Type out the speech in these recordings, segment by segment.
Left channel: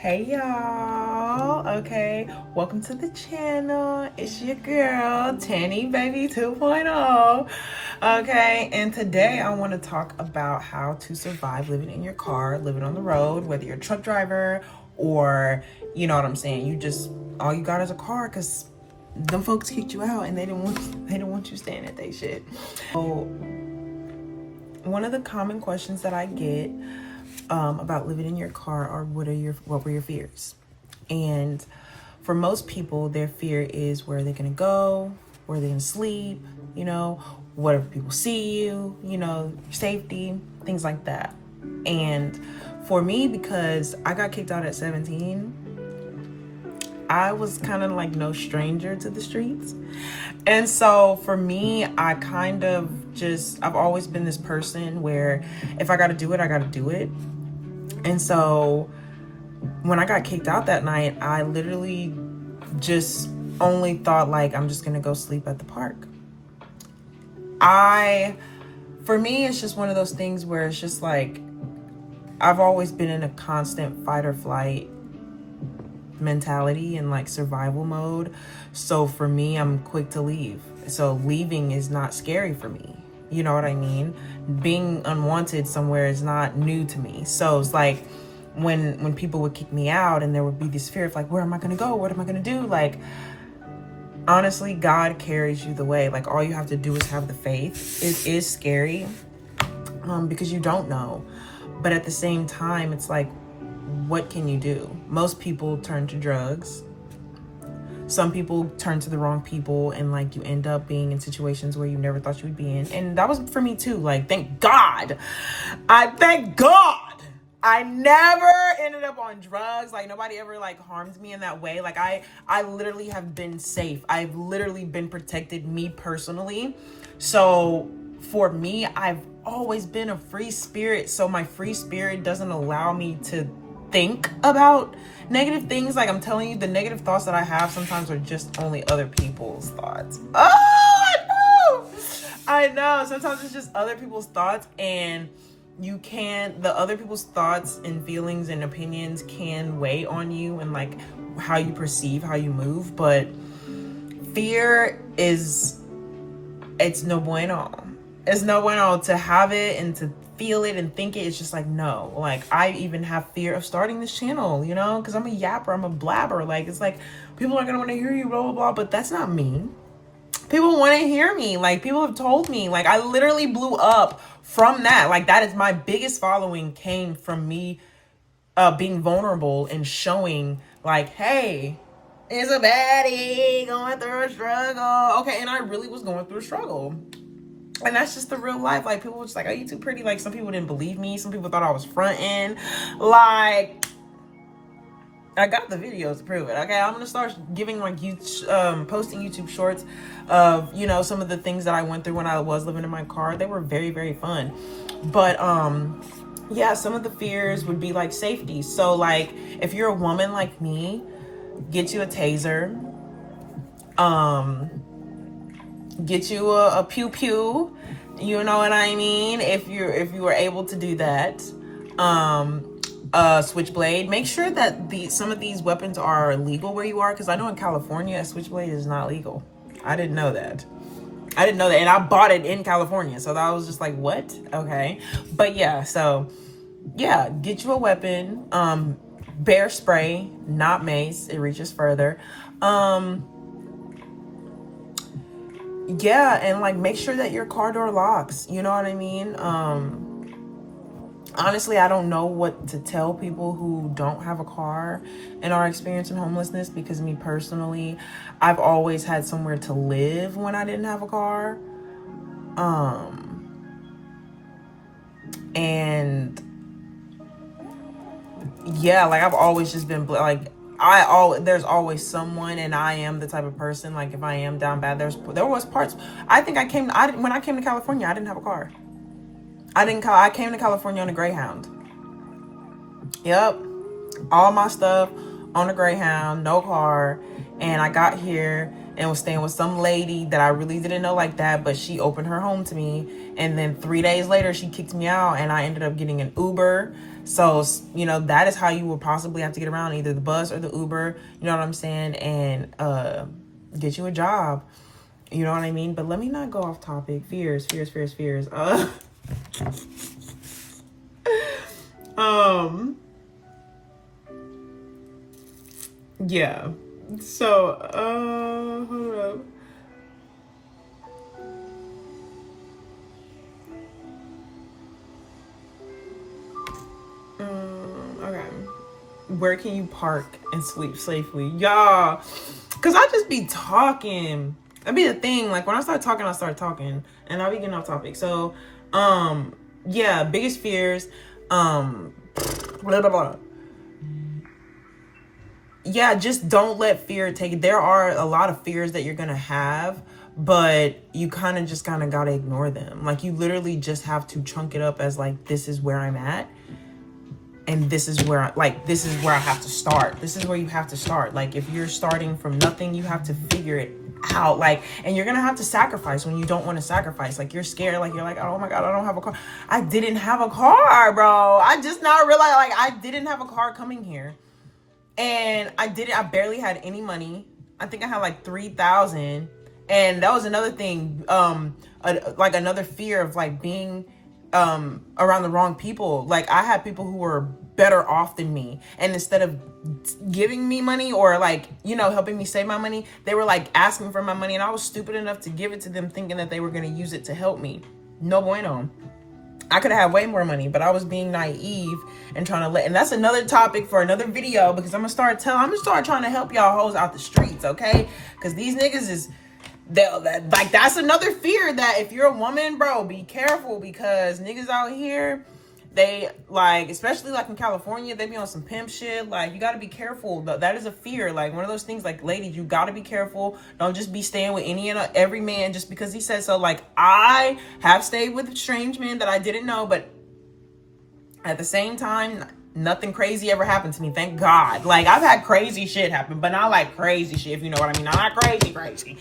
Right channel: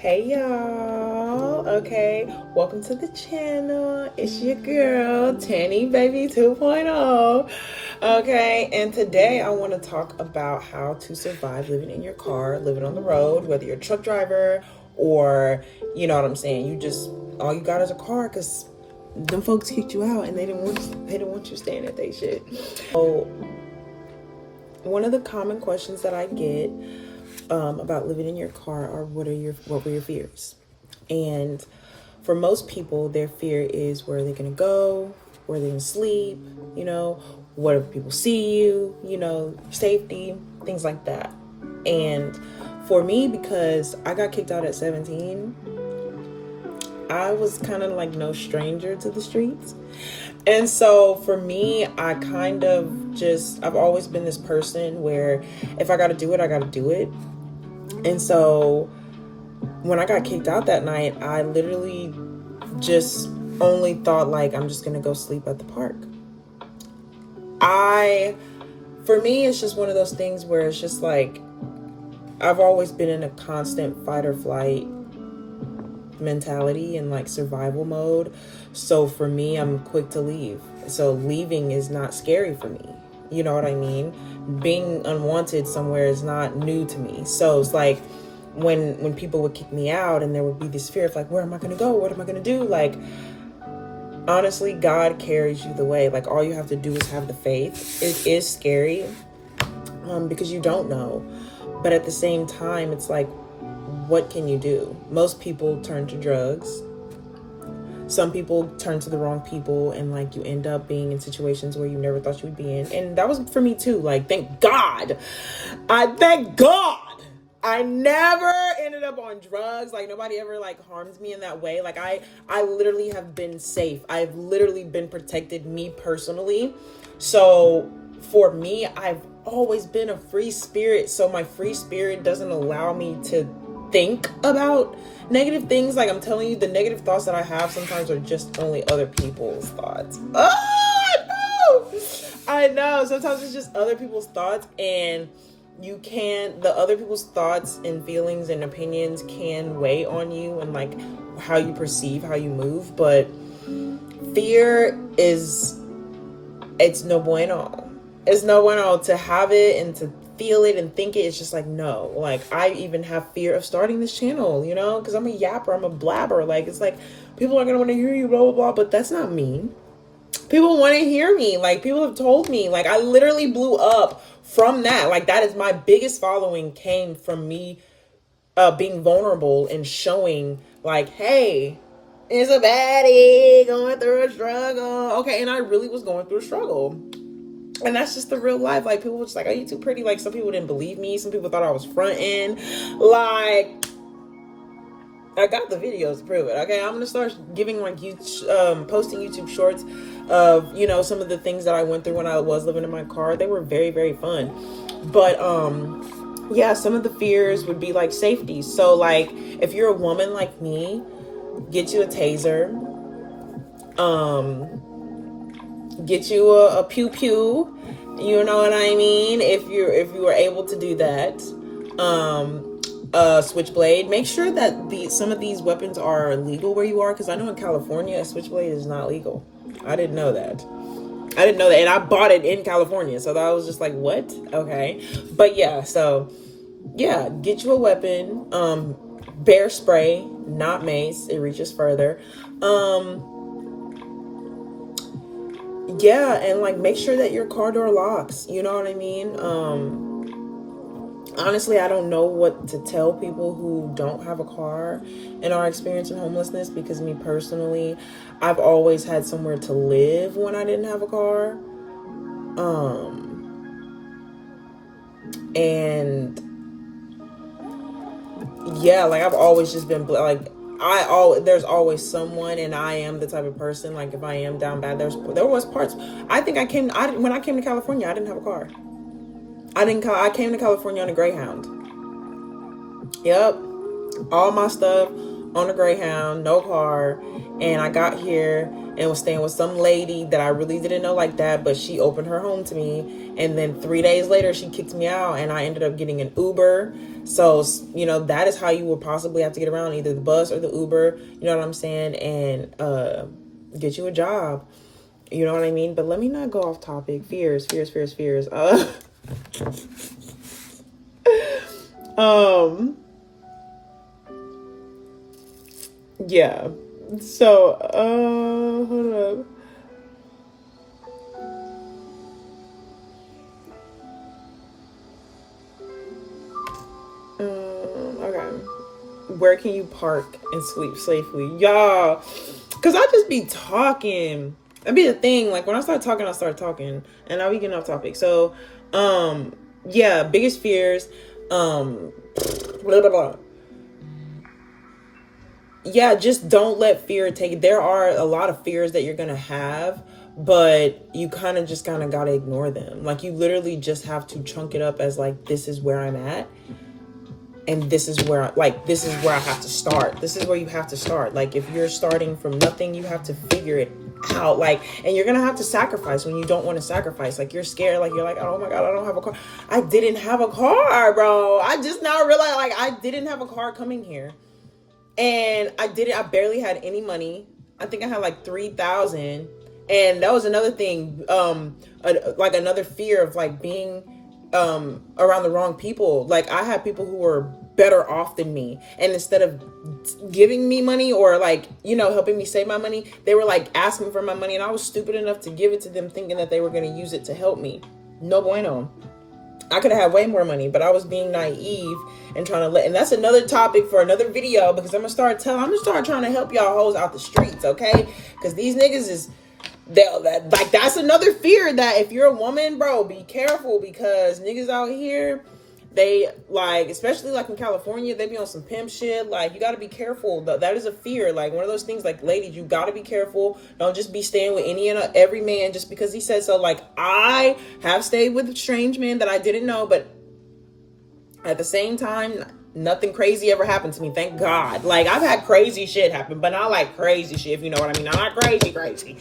Hey y'all, okay, welcome to the channel. It's your girl Tanny Baby 2.0. Okay, and today I want to talk about how to survive living in your car, living on the road, whether you're a truck driver or you know what I'm saying, you just all you got is a car because them folks kicked you out and they didn't want you staying at they shit. So one of the common questions that I get about living in your car are what were your fears? And for most people, their fear is where they're gonna go, where they're gonna sleep, what if people see you, safety, things like that. And for me, because I got kicked out at 17, I was kind of like no stranger to the streets. And so for me, I've always been this person where if I gotta do it, I gotta do it. And so when I got kicked out that night, I literally just only thought like, I'm just gonna go sleep at the park. For me, it's just one of those things where it's just like, I've always been in a constant fight or flight mentality and like survival mode. So for me, I'm quick to leave. So leaving is not scary for me. You know what I mean? Being unwanted somewhere is not new to me. So it's like when people would kick me out and there would be this fear of like, where am I going to go? What am I going to do? Like, honestly, God carries you the way. Like, all you have to do is have the faith. It is scary because you don't know. But at the same time, it's like, what can you do? Most people turn to drugs. Some people turn to the wrong people and like you end up being in situations where you never thought you would be in. And that was for me too. Like, thank God I never ended up on drugs. Like, nobody ever like harmed me in that way. Like, I literally have been safe. I've literally been protected, me personally. So for me, I've always been a free spirit. So my free spirit doesn't allow me to think about negative things. Like, I'm telling you, the negative thoughts that I have sometimes are just only other people's thoughts. I know. Sometimes it's just other people's thoughts, and the other people's thoughts and feelings and opinions can weigh on you and like how you perceive, how you move. But fear it's no bueno. It's no bueno to have it and to feel it and think it. It's just like, no. Like, I even have fear of starting this channel, because I'm a yapper, I'm a blabber. Like, it's like, people are gonna want to hear you, blah, blah, blah, but that's not me. People want to hear me. Like, people have told me, like, I literally blew up from that. Like, that is my biggest following came from me being vulnerable and showing like, hey, it's a baddie going through a struggle. Okay, and I really was going through a struggle. And that's just the real life. Like, people were just like, oh, you too pretty. Like, some people didn't believe me. Some people thought I was fronting. Like, I got the videos to prove it. Okay, I'm gonna start giving like posting YouTube shorts of some of the things that I went through when I was living in my car. They were very, very fun. But yeah, some of the fears would be like safety. So like, if you're a woman like me, get you a taser. Get you a pew pew, you know what I mean? If you were able to do that, switchblade. Make sure that some of these weapons are legal where you are, because I know in California a switchblade is not legal. I didn't know that, and I bought it in California, so that was just like, what? Okay, but yeah, so yeah, get you a weapon. Bear spray, not mace. It reaches further. Yeah, and like, make sure that your car door locks. You know what I mean? Honestly, I don't know what to tell people who don't have a car and are experiencing homelessness, because me personally, I've always had somewhere to live when I didn't have a car. And yeah, like, I've always just been like, there's always someone, and I am the type of person, like, if I am down bad, there was parts. I think when I came to California, I didn't have a car. I came to California on a Greyhound. Yep. All my stuff on a Greyhound, no car. And I got here and was staying with some lady that I really didn't know like that, but she opened her home to me. And then 3 days later, she kicked me out, and I ended up getting an Uber. So, you know, that is how you will possibly have to get around, either the bus or the Uber, you know what I'm saying? And get you a job, you know what I mean? But let me not go off topic. Fears. Yeah. So, hold up. Okay. Where can you park and sleep safely? Y'all, because I just be talking. That'd be the thing. Like, when I start talking, and I'll be getting off topic. So, yeah, biggest fears, blah, blah, blah. Yeah, just don't let fear take it. There are a lot of fears that you're going to have, but you kind of got to ignore them. Like, you literally just have to chunk it up as, like, this is where I'm at. And this is where I have to start. This is where you have to start. Like, if you're starting from nothing, you have to figure it out. Like, and you're going to have to sacrifice when you don't want to sacrifice. Like, you're scared. Like, you're like, oh my God, I don't have a car. I didn't have a car, bro. I just now realized, like, I didn't have a car coming here. And I barely had any money. I think I had like 3,000. And that was another thing. Like, another fear of, like, being around the wrong people. Like, I had people who were better off than me, and instead of giving me money or, like, you know, helping me save my money, they were like asking for my money, and I was stupid enough to give it to them thinking that they were going to use it to help me. No bueno. I could have had way more money, but I was being naive and trying to and that's another topic for another video, because I'm gonna start trying to help y'all hoes out the streets, okay? Because these niggas is that's another fear, that if you're a woman, bro, be careful, because niggas out here, they, like, especially like in California, they be on some pimp shit. Like, you got to be careful. That is a fear. Like, one of those things, like, ladies, you got to be careful. Don't just be staying with any and every man just because he said so. Like, I have stayed with strange men that I didn't know, but at the same time, nothing crazy ever happened to me, thank God. Like, I've had crazy shit happen, but not like crazy shit, if you know what I mean. Not crazy.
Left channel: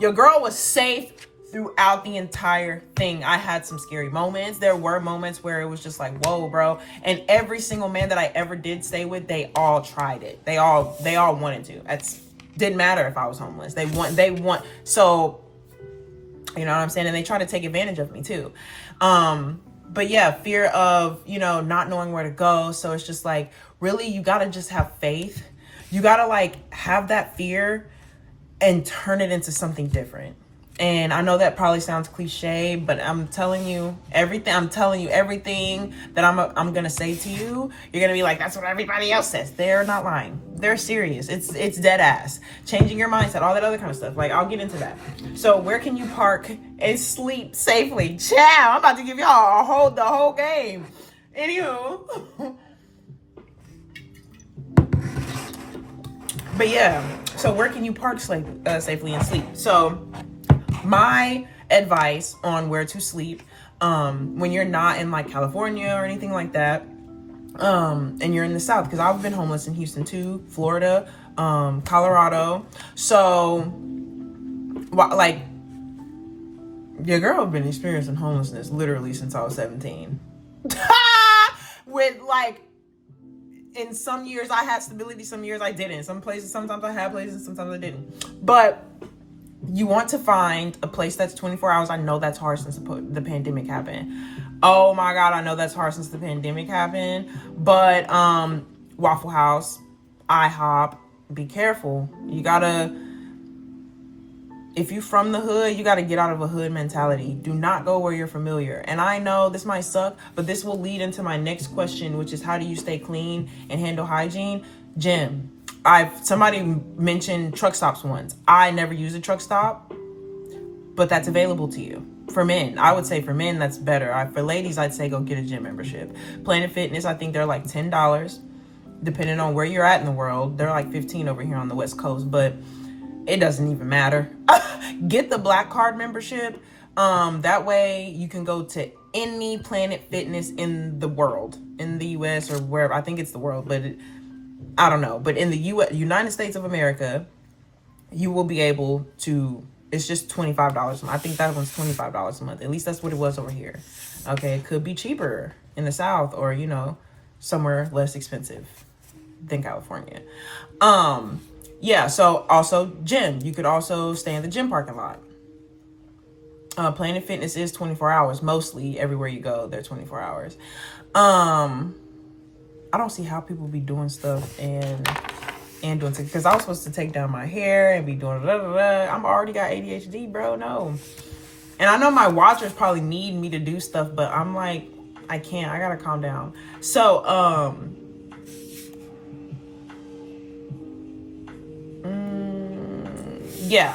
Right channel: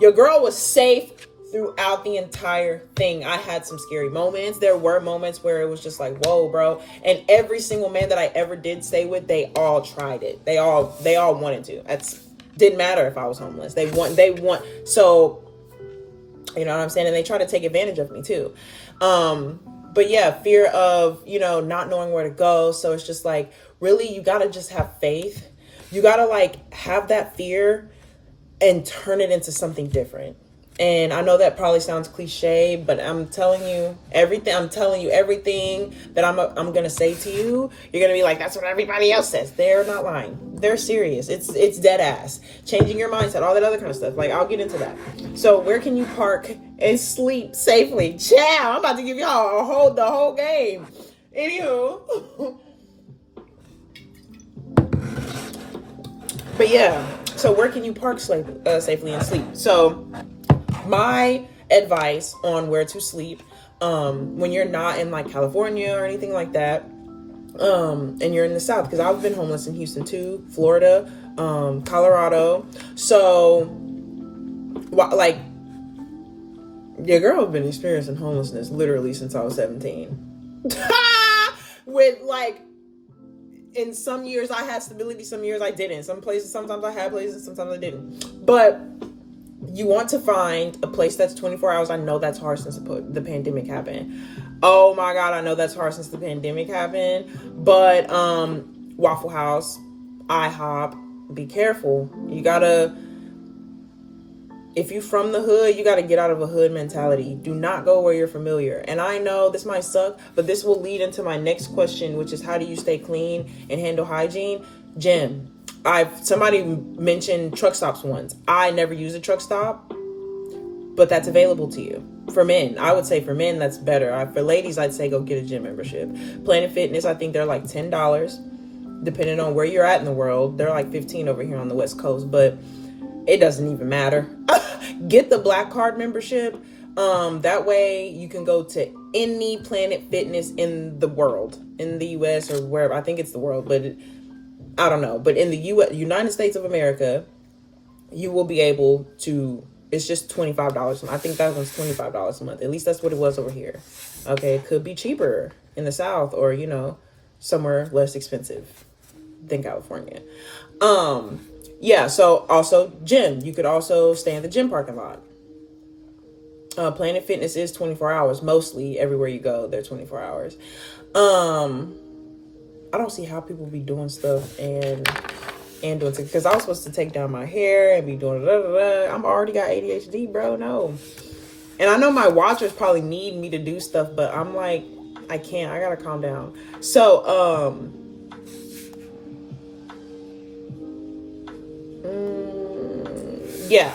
Your girl was safe throughout the entire thing. I had some scary moments. There were moments where it was just like, whoa, bro. And every single man that I ever did stay with, they all tried it. They all wanted to. It didn't matter if I was homeless. They want. So, you know what I'm saying? And they try to take advantage of me too. But yeah, fear of, you know, not knowing where to go. So it's just like, really, you got to just have faith. You got to, like, have that fear and turn it into something different. And I know that probably sounds cliche, but I'm telling you everything that I'm going to say to you. You're going to be like, that's what everybody else says. They're not lying. They're serious. It's dead ass. Changing your mindset, all that other kind of stuff. Like, I'll get into that. So where can you park and sleep safely? Ciao. I'm about to give y'all the whole game. Anywho. But yeah, so where can you park safely and sleep? So my advice on where to sleep, when you're not in, like, California or anything like that, and you're in the South, because I've been homeless in Houston too, Florida, Colorado. So, like, your girl has been experiencing homelessness literally since I was 17. With, like, in some years I had stability, some years I didn't. Some places, sometimes I had places, sometimes I didn't. But you want to find a place that's 24 hours. I know that's hard since the pandemic happened. Oh my God, I know that's hard since the pandemic happened. But Waffle House, IHOP, be careful. You gotta, if you from the hood, you gotta get out of a hood mentality. Do not go where you're familiar. And I know this might suck, but this will lead into my next question, which is, how do you stay clean and handle hygiene? Jim, somebody mentioned truck stops once. I never use a truck stop, but that's available to you. For men, I would say for men, that's better. For ladies, I'd say go get a gym membership. Planet Fitness, I think they're like $10, depending on where you're at in the world. They're like $15 over here on the West Coast, but it doesn't even matter. Get the Black Card membership. That way you can go to any Planet Fitness in the world, in the US or wherever. I think it's the world, but I don't know. But in the United States of America, you will be able to, it's just $25 a month. I think that one's $25 a month. At least that's what it was over here. Okay, it could be cheaper in the South, or, you know, somewhere less expensive than California. Yeah, so also gym. You could also stay in the gym parking lot. Planet Fitness is 24 hours. Mostly everywhere you go, they're 24 hours. I don't see how people be doing stuff and doing, because I was supposed to take down my hair and be doing I'm already got ADHD, bro. No. And I know my watchers probably need me to do stuff, but I'm like, I can't. I gotta calm down. So, yeah.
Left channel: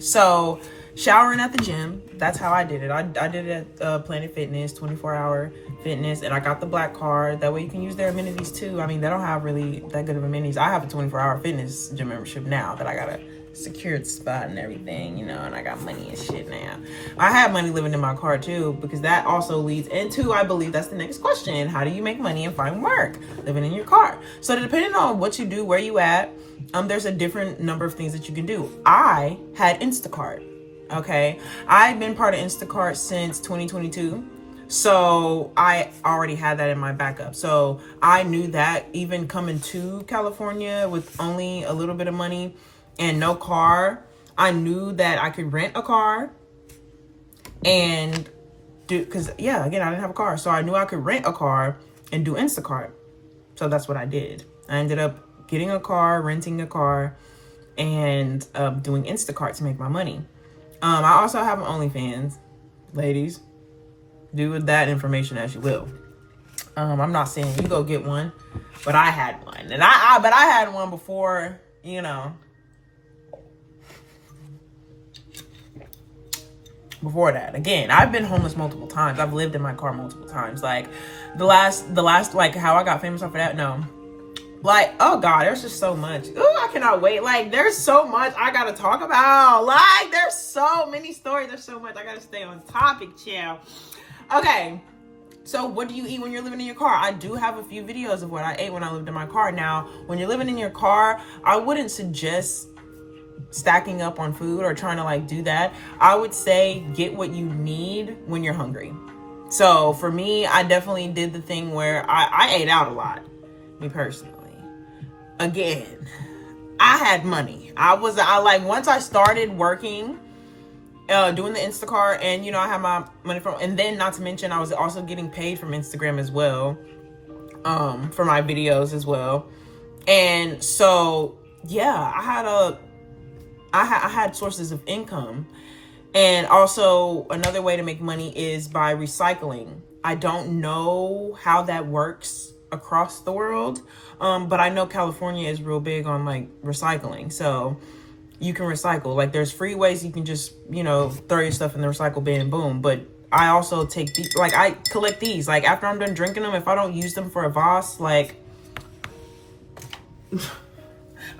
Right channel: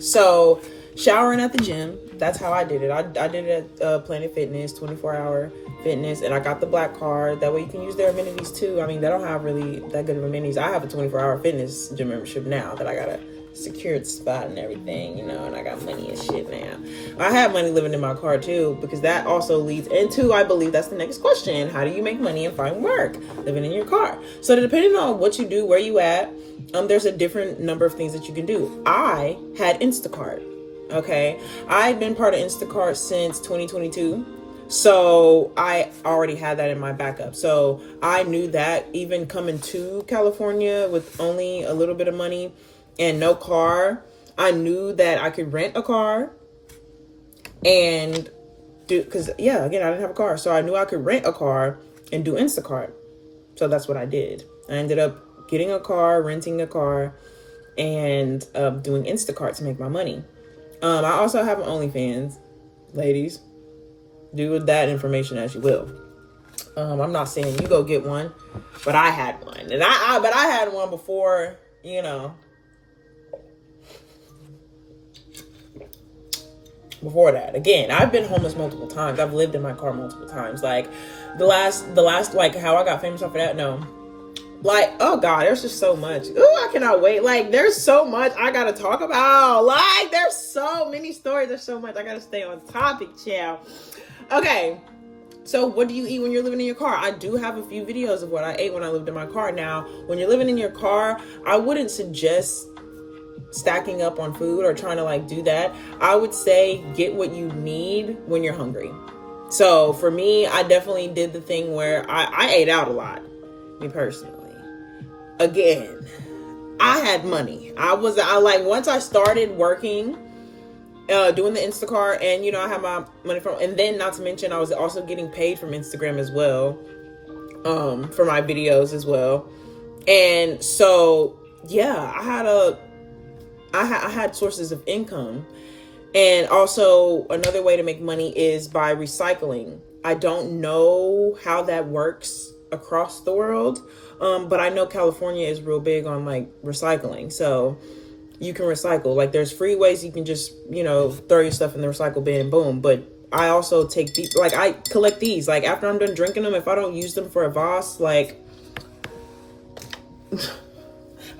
So, showering at the gym. That's how I did it. I did it at Planet Fitness, 24-hour fitness, and I got the black card. That way you can use their amenities too. I mean, they don't have really that good of amenities. I have a 24-hour fitness gym membership now that I got a secured spot and everything, you know, and I got money and shit now. I have money living in my car too, because that also leads into, I believe that's the next question. How do you make money and find work living in your car? So depending on what you do, where you at, there's a different number of things that you can do. I had Instacart. Okay, I've been part of Instacart since 2022, so I already had that in my backup. So I knew that even coming to California with only a little bit of money and no car, I knew that I could rent a car and do, because yeah, again, I didn't have a car, so I knew I could rent a car and do Instacart. So that's what I did. I ended up getting a car, renting a car, and doing Instacart to make my money. I also have an OnlyFans, ladies. Do with that information as you will. I'm not saying you go get one, but I had one, and I had one before, you know. Before that, again, I've been homeless multiple times. I've lived in my car multiple times. Like the last, like how I got famous off of that. No. Like, oh God, there's just so much. Ooh, I cannot wait. Like, there's so much I gotta talk about. Like, there's so many stories. There's so much. I gotta stay on topic, chill. Okay, so what do you eat when you're living in your car? I do have a few videos of what I ate when I lived in my car. Now, when you're living in your car, I wouldn't suggest stacking up on food or trying to like do that. I would say get what you need when you're hungry. So for me, I definitely did the thing where I ate out a lot, me personally. Again, I had money. I like, once I started working, doing the Instacart, and, you know, I had my money from, and then not to mention, I was also getting paid from Instagram as well, for my videos as well. And so, yeah, I had sources of income. And also another way to make money is by recycling. I don't know how that works across the world. But I know California is real big on like recycling. So you can recycle. Like there's free ways you can just, you know, throw your stuff in the recycle bin and boom. But I also take these, like I collect these. Like after I'm done drinking them, if I don't use them for a vase, like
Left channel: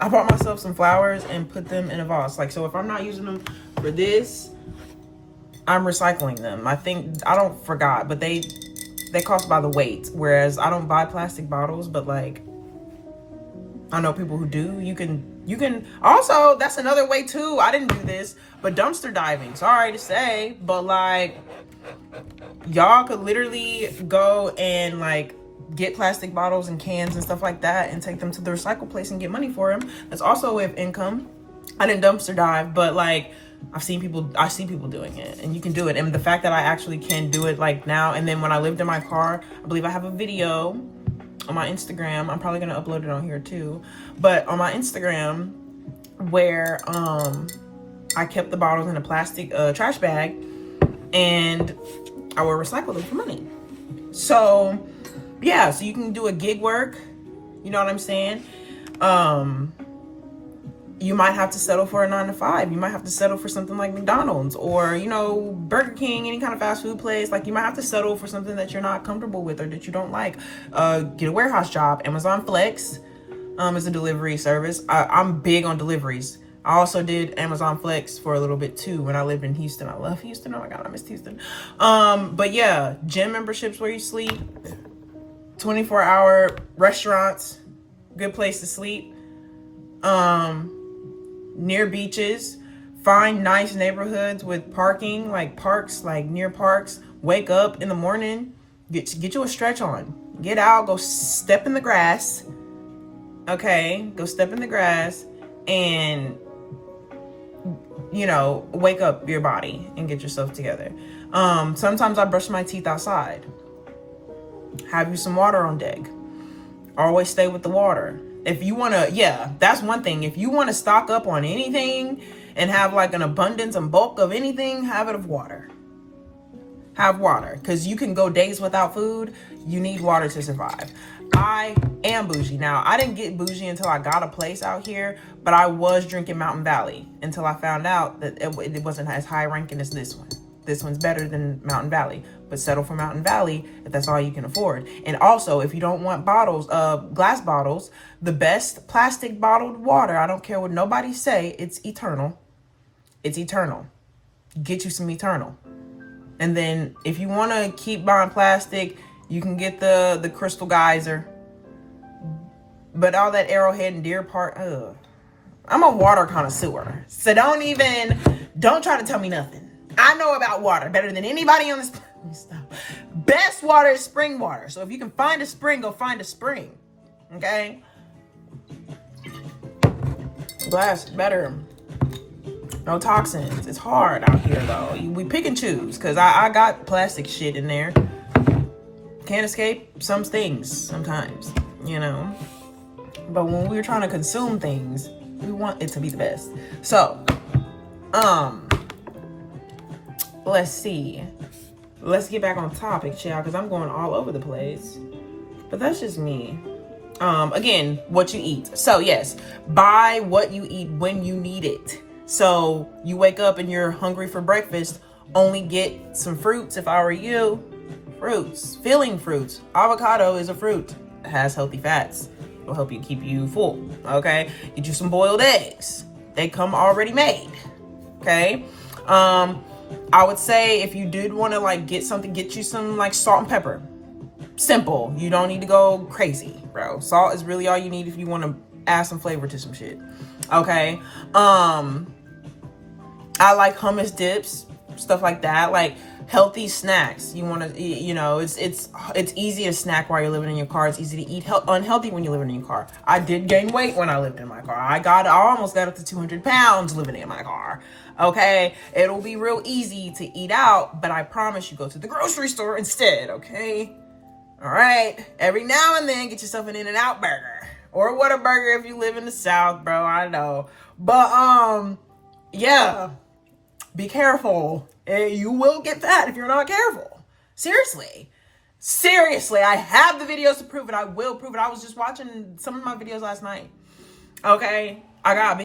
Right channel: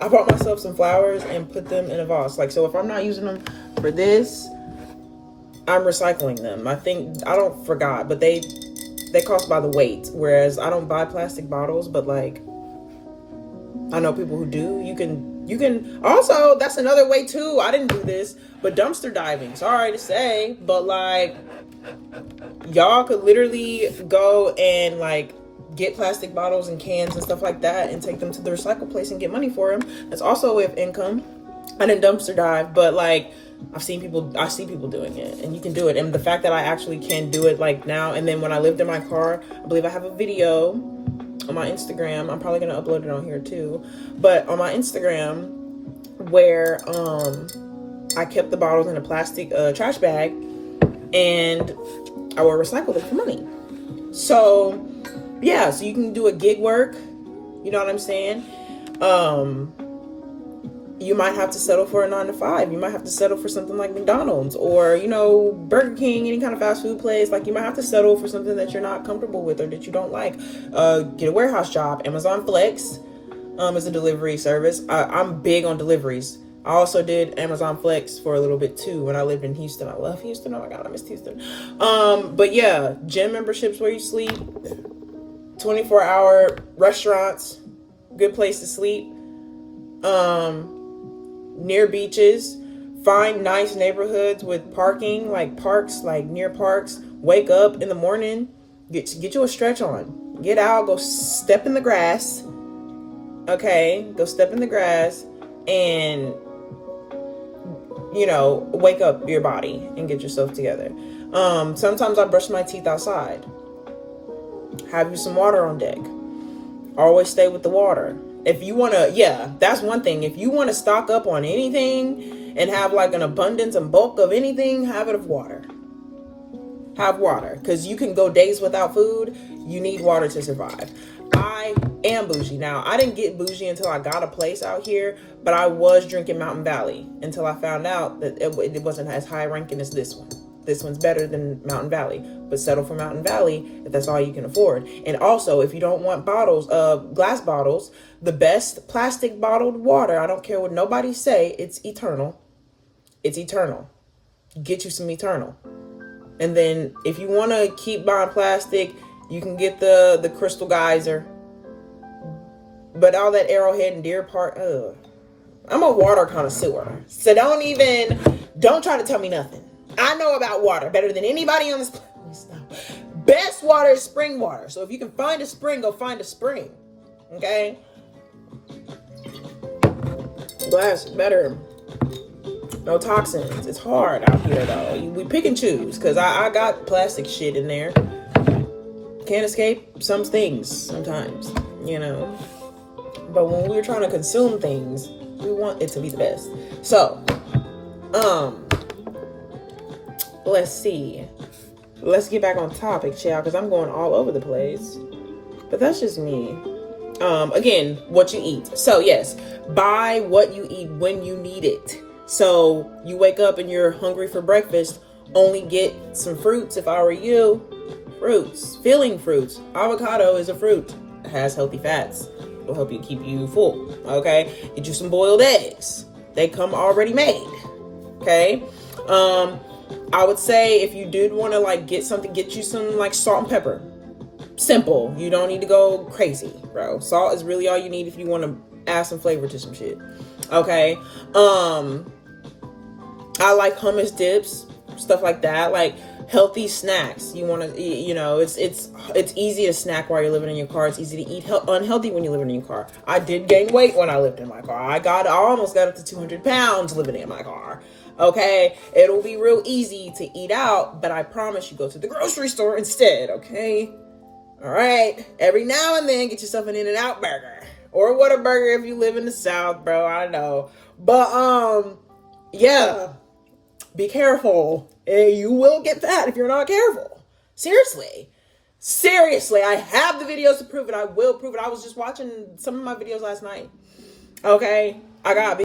I bought myself some flowers and put them in a vase. Like, so if I'm not using them for this, I'm recycling them. I don't forgot, but they cost by the weight. Whereas I don't buy plastic bottles, but like, I know people who do. You can also, that's another way too. I didn't do this, but dumpster diving. Sorry to say, but like y'all could literally go and like get plastic bottles and cans and stuff like that and take them to the recycle place and get money for them. That's also a way of income. I didn't dumpster dive, but like I see people doing it, and you can do it. And the fact that I actually can do it like now, and then when I lived in my car, I believe I have a video on my Instagram. I'm probably gonna upload it on here too, but on my Instagram where I kept the bottles in a plastic trash bag, and I will recycle them for money. So yeah, so you can do a gig work, you know what I'm saying? You might have to settle for a 9-to-5. You might have to settle for something like McDonald's or, you know, Burger King, any kind of fast food place. Like you might have to settle for something that you're not comfortable with or that you don't like. Get a warehouse job. Amazon Flex is a delivery service. I'm big on deliveries. I also did Amazon Flex for a little bit too when I lived in Houston. I love Houston. Oh my God, I miss Houston. But yeah, gym memberships where you sleep, 24-hour restaurants, good place to sleep. near beaches. Find nice neighborhoods with parking, like parks, like near parks. Wake up in the morning, get you a stretch on. Get out, go step in the grass. Okay, go step in the grass and, you know, wake up your body and get yourself together. Sometimes I brush my teeth outside. Have you some water on deck. Always stay with the water. If you want to, yeah, that's one thing. If you want to stock up on anything and have like an abundance and bulk of anything, have it of water. Have water, because you can go days without food. You need water to survive. I am bougie. Now, I didn't get bougie until I got a place out here, but I was drinking Mountain Valley until I found out that it wasn't as high ranking as this one. This one's better than Mountain Valley, but settle for Mountain Valley if that's all you can afford. And also, if you don't want bottles, glass bottles, the best plastic bottled water, I don't care what nobody say, it's Eternal. It's Eternal. Get you some Eternal. And then if you want to keep buying plastic, you can get the Crystal Geyser. But all that Arrowhead and Deer Park, I'm a water connoisseur. So don't try to tell me nothing. I know about water better than anybody on this planet. Best water is spring water. So if you can find a spring, go find a spring. Okay? Glass is better. No toxins. It's hard out here though. We pick and choose, because I got plastic shit in there. Can't escape some things sometimes, you know. But when we're trying to consume things, we want it to be the best. So, let's see. Let's get back on topic, child, because I'm going all over the place. But that's just me. Again, what you eat. So yes, buy what you eat when you need it. So you wake up and you're hungry for breakfast, only get some fruits. If I were you, fruits, filling fruits. Avocado is a fruit. It has healthy fats. It will help you keep you full. Okay. Get you some boiled eggs. They come already made. Okay. I would say if you did want to like get you some like salt and pepper. Simple. You don't need to go crazy, bro. Salt is really all you need if you want to add some flavor to some shit. Okay. I like hummus dips, stuff like that, like healthy snacks. You want to, you know, it's easy to snack while you're living in your car. It's easy to eat unhealthy when you're living in your car. I did gain weight when I lived in my car. I almost got up to 200 pounds living in my car. Okay. It'll be real easy to eat out, but I promise you go to the grocery store instead. Okay. All right. Every now and then get yourself an In-N-Out burger or a Whataburger if you live in the South, bro. I know. But, yeah. Be careful. You will get fat if you're not careful. Seriously, I have the videos to prove it. I will prove it. I was just watching some of my videos last night. Okay, I got